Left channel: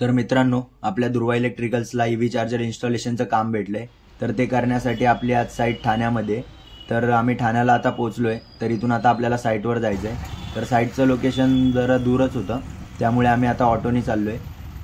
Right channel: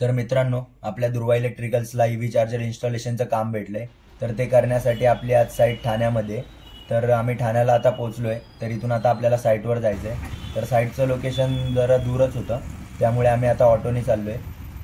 तर मित्रांनो, आपल्या दुर्वा इलेक्ट्रिकल्सला ईव्ही चार्जर इन्स्टॉलेशनचं काम भेटलंय. तर ते करण्यासाठी आपली आज साईट ठाण्यामध्ये. तर आम्ही ठाण्याला आता पोहोचलोय. तर इथून आता आपल्याला साईटवर जायचं आहे. तर साईटचं लोकेशन जरा दूरच होतं, त्यामुळे आम्ही आता ऑटोने चाललोय.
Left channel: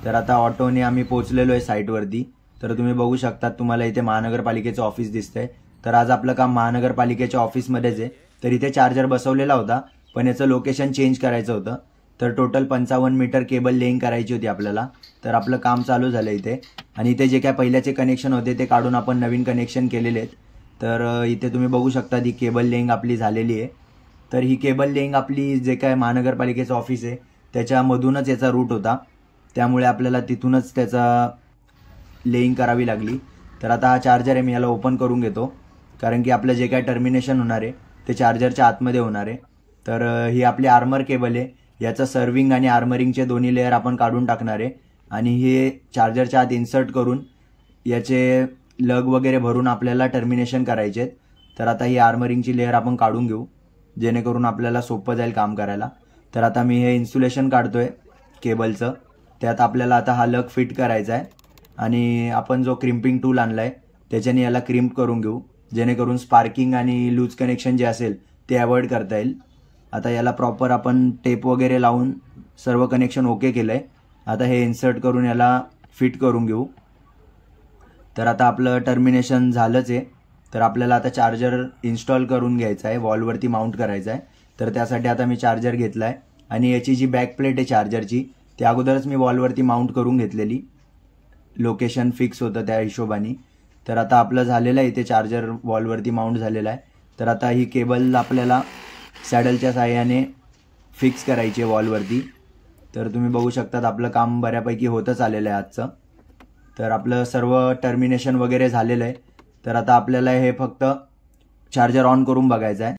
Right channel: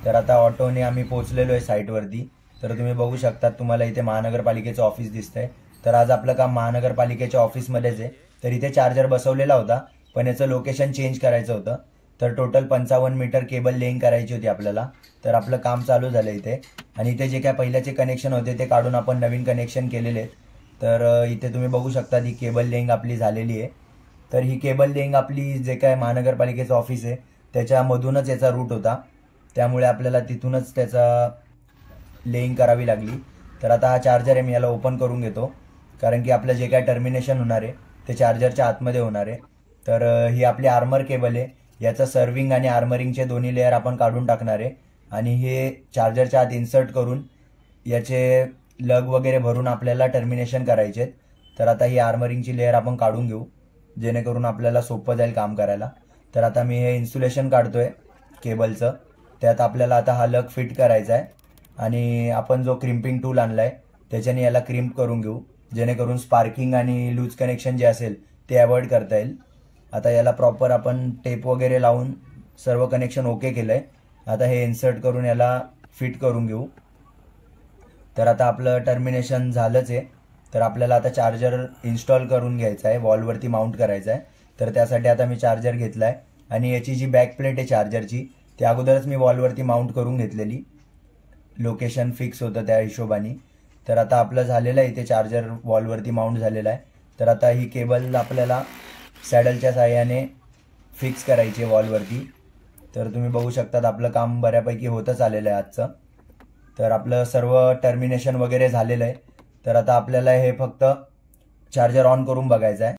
तर आता ऑटोने आम्ही पोहोचलेलो आहे साईटवरती. तर तुम्ही बघू शकता, तुम्हाला इथे महानगरपालिकेचं ऑफिस दिसतंय. तर आज आपलं काम महानगरपालिकेच्या ऑफिसमध्येच आहे. तर इथे चार्जर बसवलेला होता, पण याचं लोकेशन चेंज करायचं होतं. तर टोटल 55 मीटर केबल लेईंग करायची होती आपल्याला. तर आपलं काम चालू झालं इथे. आणि इथे जे काय पहिल्याचे कनेक्शन होते ते काढून आपण नवीन कनेक्शन केलेले आहेत. तर इथे तुम्ही बघू शकता ही केबल लेईंग आपली झालेली आहे. तर ही केबल लेईंग आपली जे काय महानगरपालिकेचं ऑफिस आहे त्याच्यामधूनच याचा रूट होता, त्यामुळे आपल्याला तिथूनच त्याचा लेईंग करावी लागली. तर आता हा चार्जर आहे, मी याला ओपन करून घेतो, कारण की आपलं जे काय टर्मिनेशन होणार आहे ते चार्जरच्या आतमध्ये होणार आहे. तर ही आपली आर्मर केबल आहे. याचं सर्विंग आणि आर्मरिंगचे दोन्ही लेअर आपण काढून टाकणार आहे आणि हे चार्जरच्या आत इन्सर्ट करून याचे लग वगैरे भरून आपल्याला टर्मिनेशन करायचे आहेत. तर आता ही आर्मरिंगची लेअर आपण काढून घेऊ, जेणेकरून आपल्याला सोपं जाईल काम करायला. तर आता मी हे इन्सुलेशन काढतोय केबलचं. त्यात आपल्याला आता हा लग फिट करायचा आहे आणि आपण जो क्रिम्पिंग टूल आणलाय त्याच्याने याला क्रिम्प करून घेऊ, जेणेकरून स्पार्किंग आणि लूज कनेक्शन जे असेल ते अवॉइड करता येईल. आता याला प्रॉपर आपण टेप वगैरे लावून सर्व कनेक्शन ओके केलंय. आता हे इन्सर्ट करून याला फिट करून घेऊ. तर आता आपलं टर्मिनेशन झालंच आहे. तर आपल्याला आता चार्जर इन्स्टॉल करून घ्यायचा आहे, वॉलवरती माउंट करायचा आहे. तर त्यासाठी आता मी चार्जर घेतलाय आणि याची जी बॅक प्लेट आहे चार्जरची ती अगोदरच मी वॉलवरती माउंट करून घेतलेली, लोकेशन फिक्स होतं त्या हिशोबाने. तर आता आपलं झालेलं आहे, इथे चार्जर वॉलवरती माउंट झालेला आहे. तर आता ही केबल आपल्याला सॅडलच्या साहाय्याने फिक्स करायची आहे वॉलवरती. तर तुम्ही बघू शकतात आपलं काम बऱ्यापैकी होतच आलेलं आहे आजचं. तर आपलं सर्व टर्मिनेशन वगैरे झालेलं आहे. तर आता आपल्याला हे फक्त चार्जर ऑन करून बघायचं आहे.